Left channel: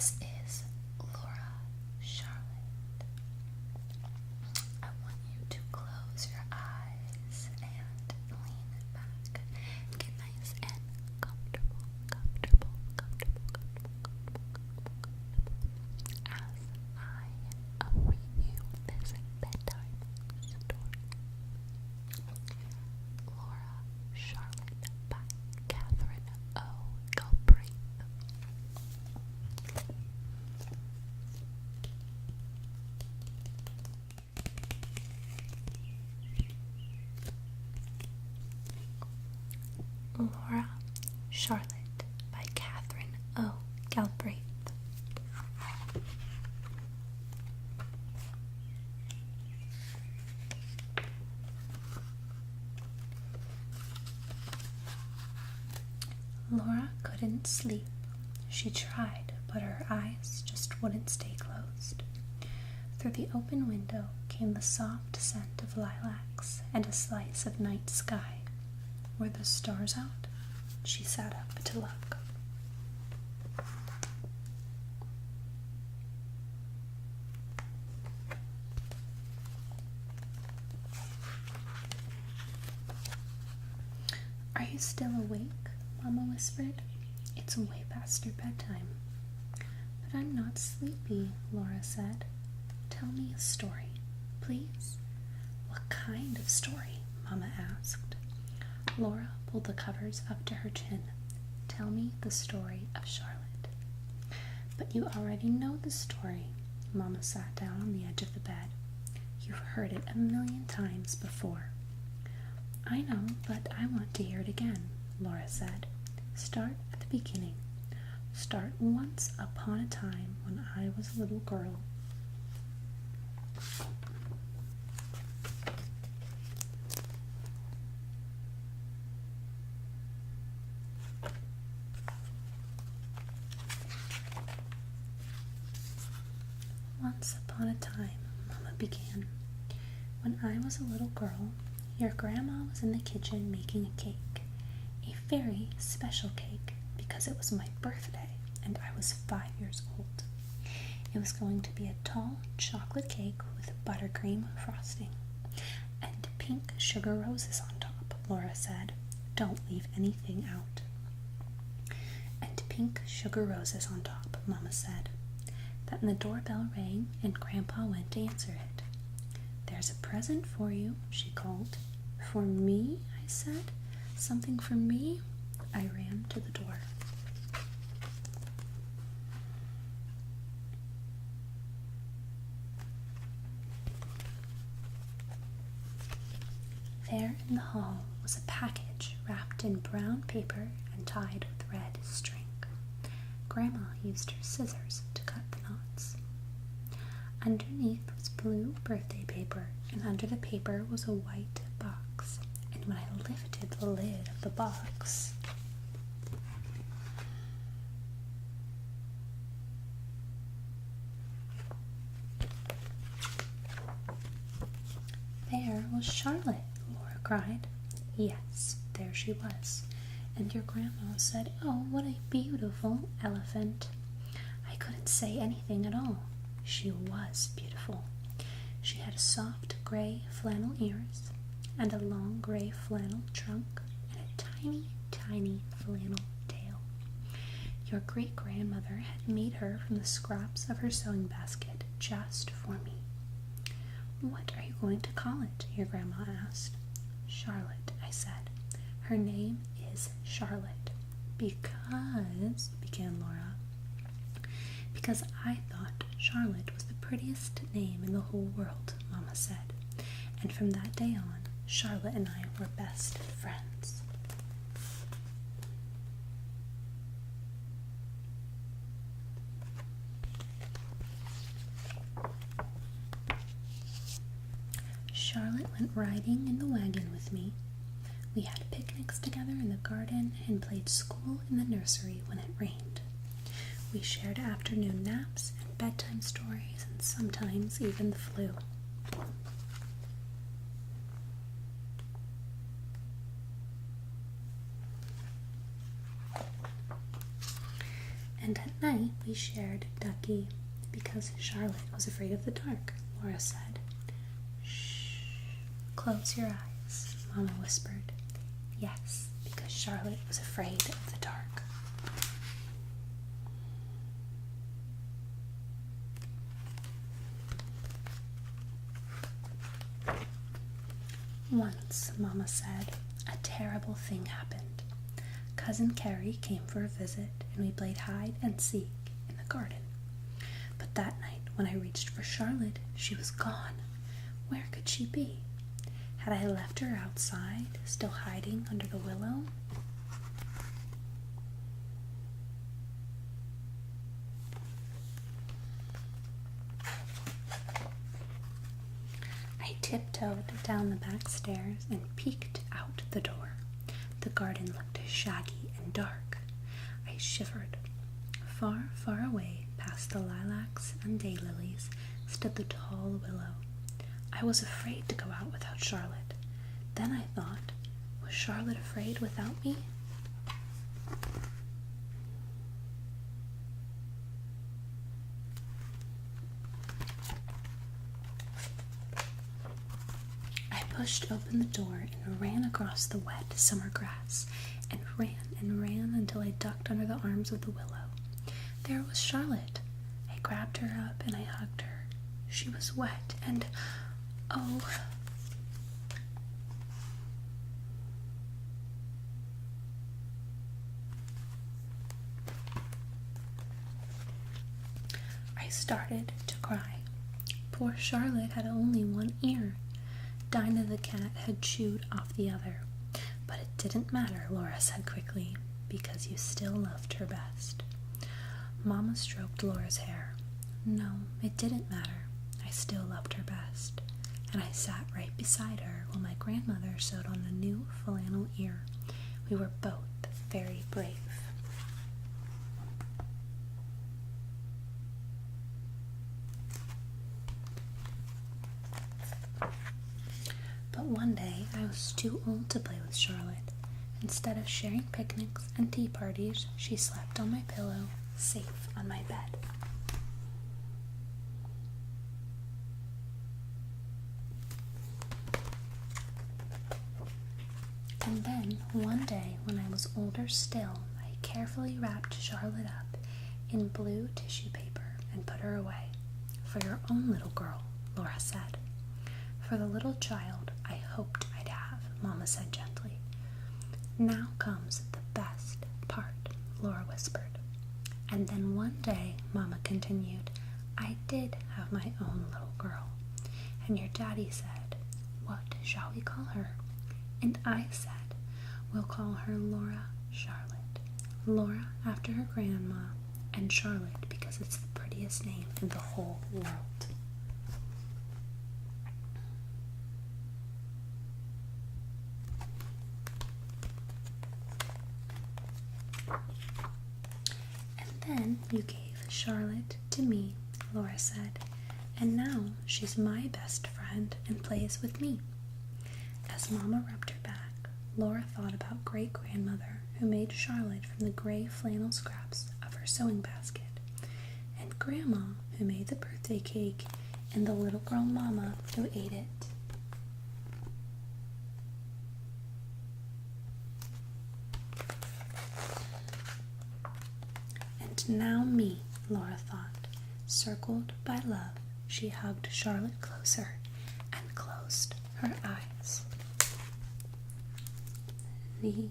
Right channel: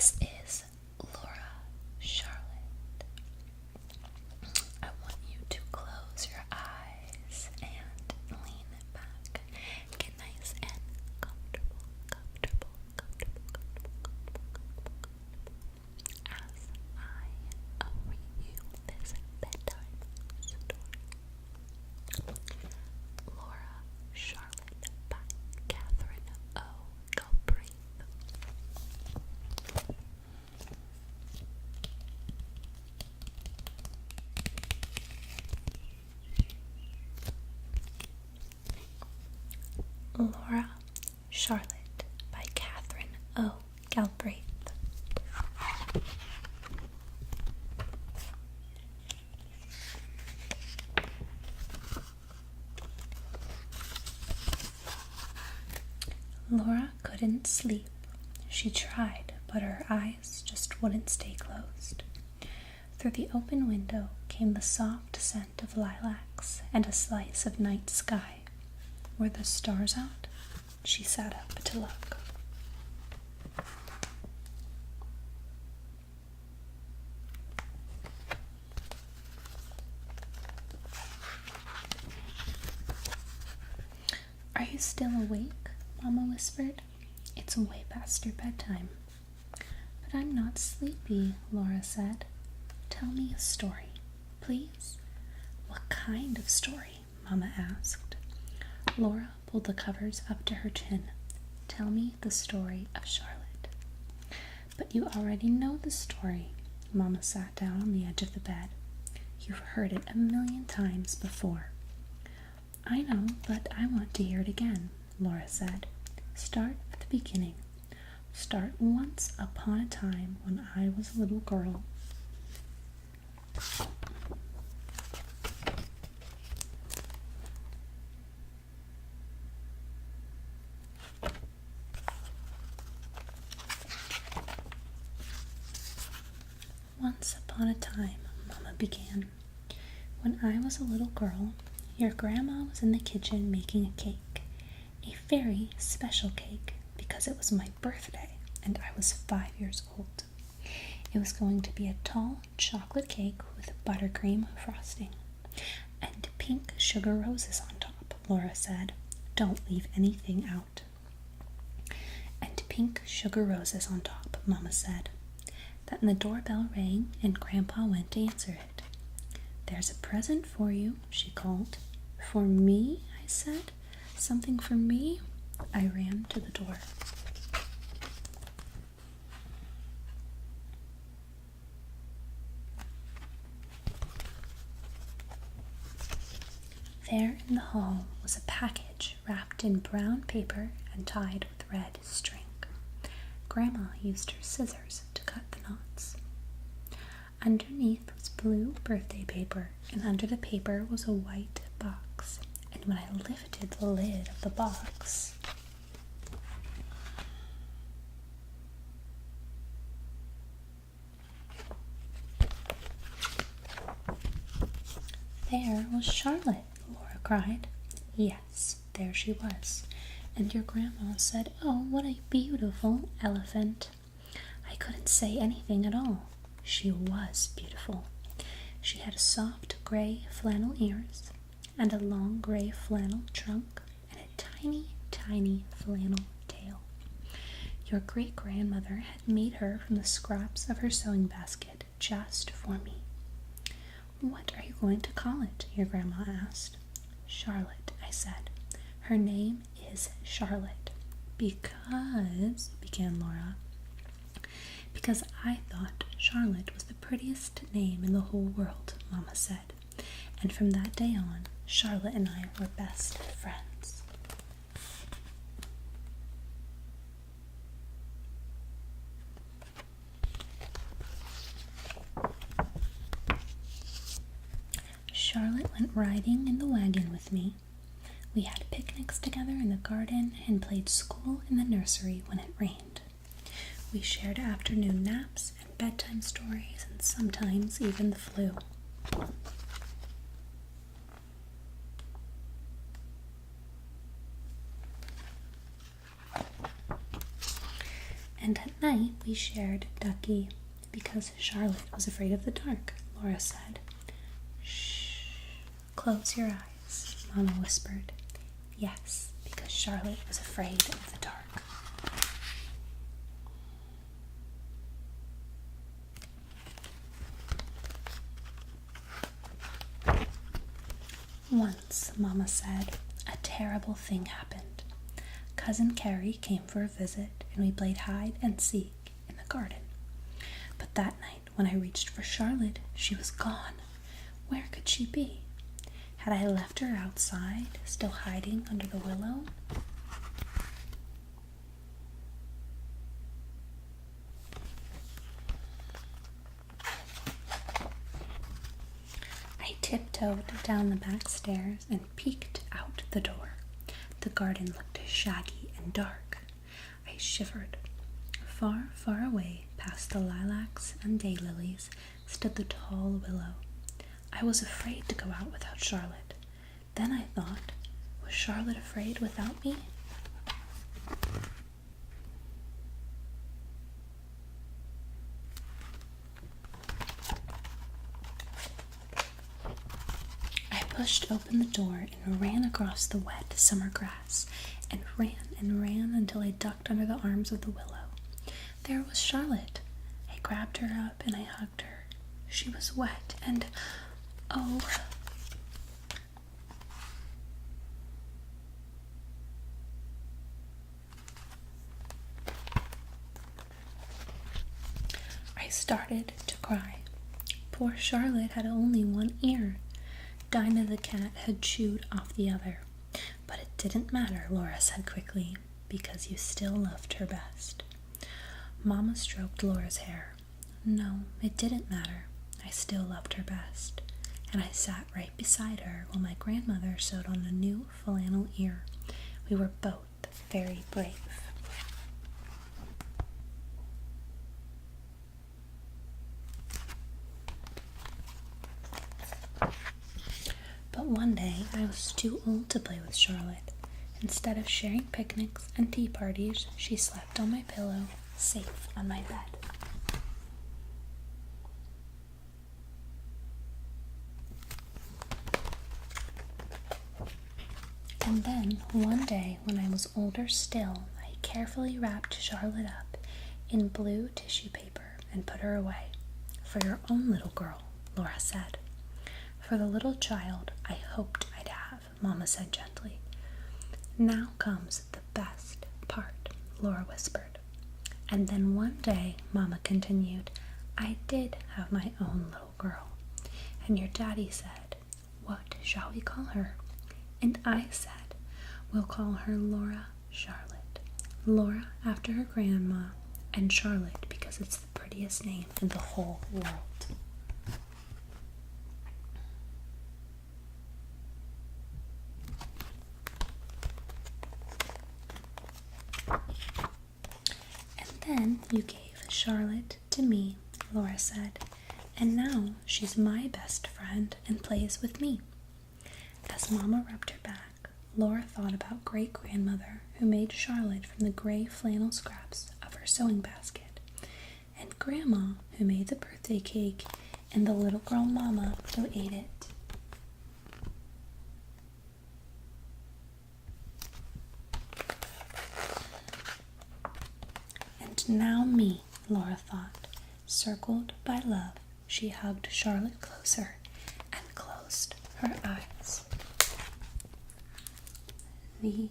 This is Laura Charlotte. I want you to close your eyes and lean back. Get nice and comfortable. As I read you this bedtime story. Laura Charlotte by Catherine O. Galbraith. Laura Charlotte by Catherine O. Galbraith. Laura couldn't sleep. She tried, but her eyes just wouldn't stay closed. Through the open window came the soft scent of lilacs and a slice of night sky. Were the stars out? She sat up to look. Are you still awake? Mama whispered. It's way past your bedtime. But I'm not sleepy, Laura said. Tell me a story, please. What kind of story? Mama asked. Laura pulled the covers up to her chin. Tell me the story of Charlotte. But you already know the story. Mama sat down on the edge of the bed. You've heard it 1,000,000 times before. I know, but I want to hear it again, Laura said. Start at the beginning. Start once upon a time when I was a little girl. Once upon a time, Mama began. When I was a little girl, your grandma was in the kitchen making a cake. A very special cake because it was my birthday and I was 5 years old. It was going to be a tall chocolate cake with buttercream frosting and pink sugar roses on top, Laura said. Don't leave anything out. And pink sugar roses on top, Mama said. Then the doorbell rang and Grandpa went to answer it. There's a present for you, she called. For me? I said. Something for me? I ran to the door. There in the hall was a package wrapped in brown paper and tied with red string. Grandma used her scissors to cut the knots. Underneath was blue birthday paper, and under the paper was a white box. And when I lifted the lid of the box, there was Charlotte, Laura cried. Yes, there she was. And your grandma said, oh, what a beautiful elephant. I couldn't say anything at all. She was beautiful. She had soft gray flannel ears and a long gray flannel trunk and a tiny, tiny flannel tail. Your great-grandmother had made her from the scraps of her sewing basket just for me. What are you going to call it? Your grandma asked. Charlotte, I said. Her name is Charlotte. Because, began Laura, because I thought Charlotte was the prettiest name in the whole world, Mama said. And from that day on, Charlotte and I were best friends. Charlotte went riding in the wagon with me. We had picnics together in the garden and played school in the nursery when it rained. We shared afternoon naps and bedtime stories and sometimes even the flu. And at night we shared Ducky because Charlotte was afraid of the dark, Laura said. Shh, close your eyes, Mama whispered. Yes, because Charlotte was afraid of the dark. Once, Mama said, a terrible thing happened. Cousin Carrie came for a visit, and we played hide and seek in the garden. But that night, when I reached for Charlotte, she was gone. Where could she be? Had I left her outside, still hiding under the willow? I tiptoed down the back stairs and peeked out the door. The garden looked shaggy and dark. I shivered. Far, far away, past the lilacs and daylilies, stood the tall willow. I was afraid to go out without Charlotte. Then I thought, was Charlotte afraid without me? I pushed open the door and ran across the wet summer grass, and ran until I ducked under the arms of the willow. There was Charlotte. I grabbed her up and I hugged her. She was wet and, oh, I started to cry. Poor Charlotte had only one ear. Dinah the cat had chewed off the other. But it didn't matter, Laura said quickly, because you still loved her best. Mama stroked Laura's hair. No, it didn't matter. I still loved her best. And I sat right beside her while my grandmother sewed on a new flannel ear. We were both very brave. But one day I was too old to play with Charlotte. Instead of sharing picnics and tea parties, she slept on my pillow, safe on my bed. And then, one day, when I was older still, I carefully wrapped Charlotte up in blue tissue paper and put her away. For your own little girl, Laura said. For the little child I hoped I'd have, Mama said gently. Now comes the best part, Laura whispered. And then one day, Mama continued, I did have my own little girl. And your daddy said, what shall we call her? And I said, we'll call her Laura Charlotte. Laura after her grandma, and Charlotte because it's the prettiest name in the whole world. Then you gave Charlotte to me, Laura said, and now she's my best friend and plays with me. As Mama rubbed her back, Laura thought about great-grandmother who made Charlotte from the gray flannel scraps of her sewing basket, and Grandma who made the birthday cake, and the little girl Mama who ate it. Now me, Laura thought. Circled by love, she hugged Charlotte closer and closed her eyes. The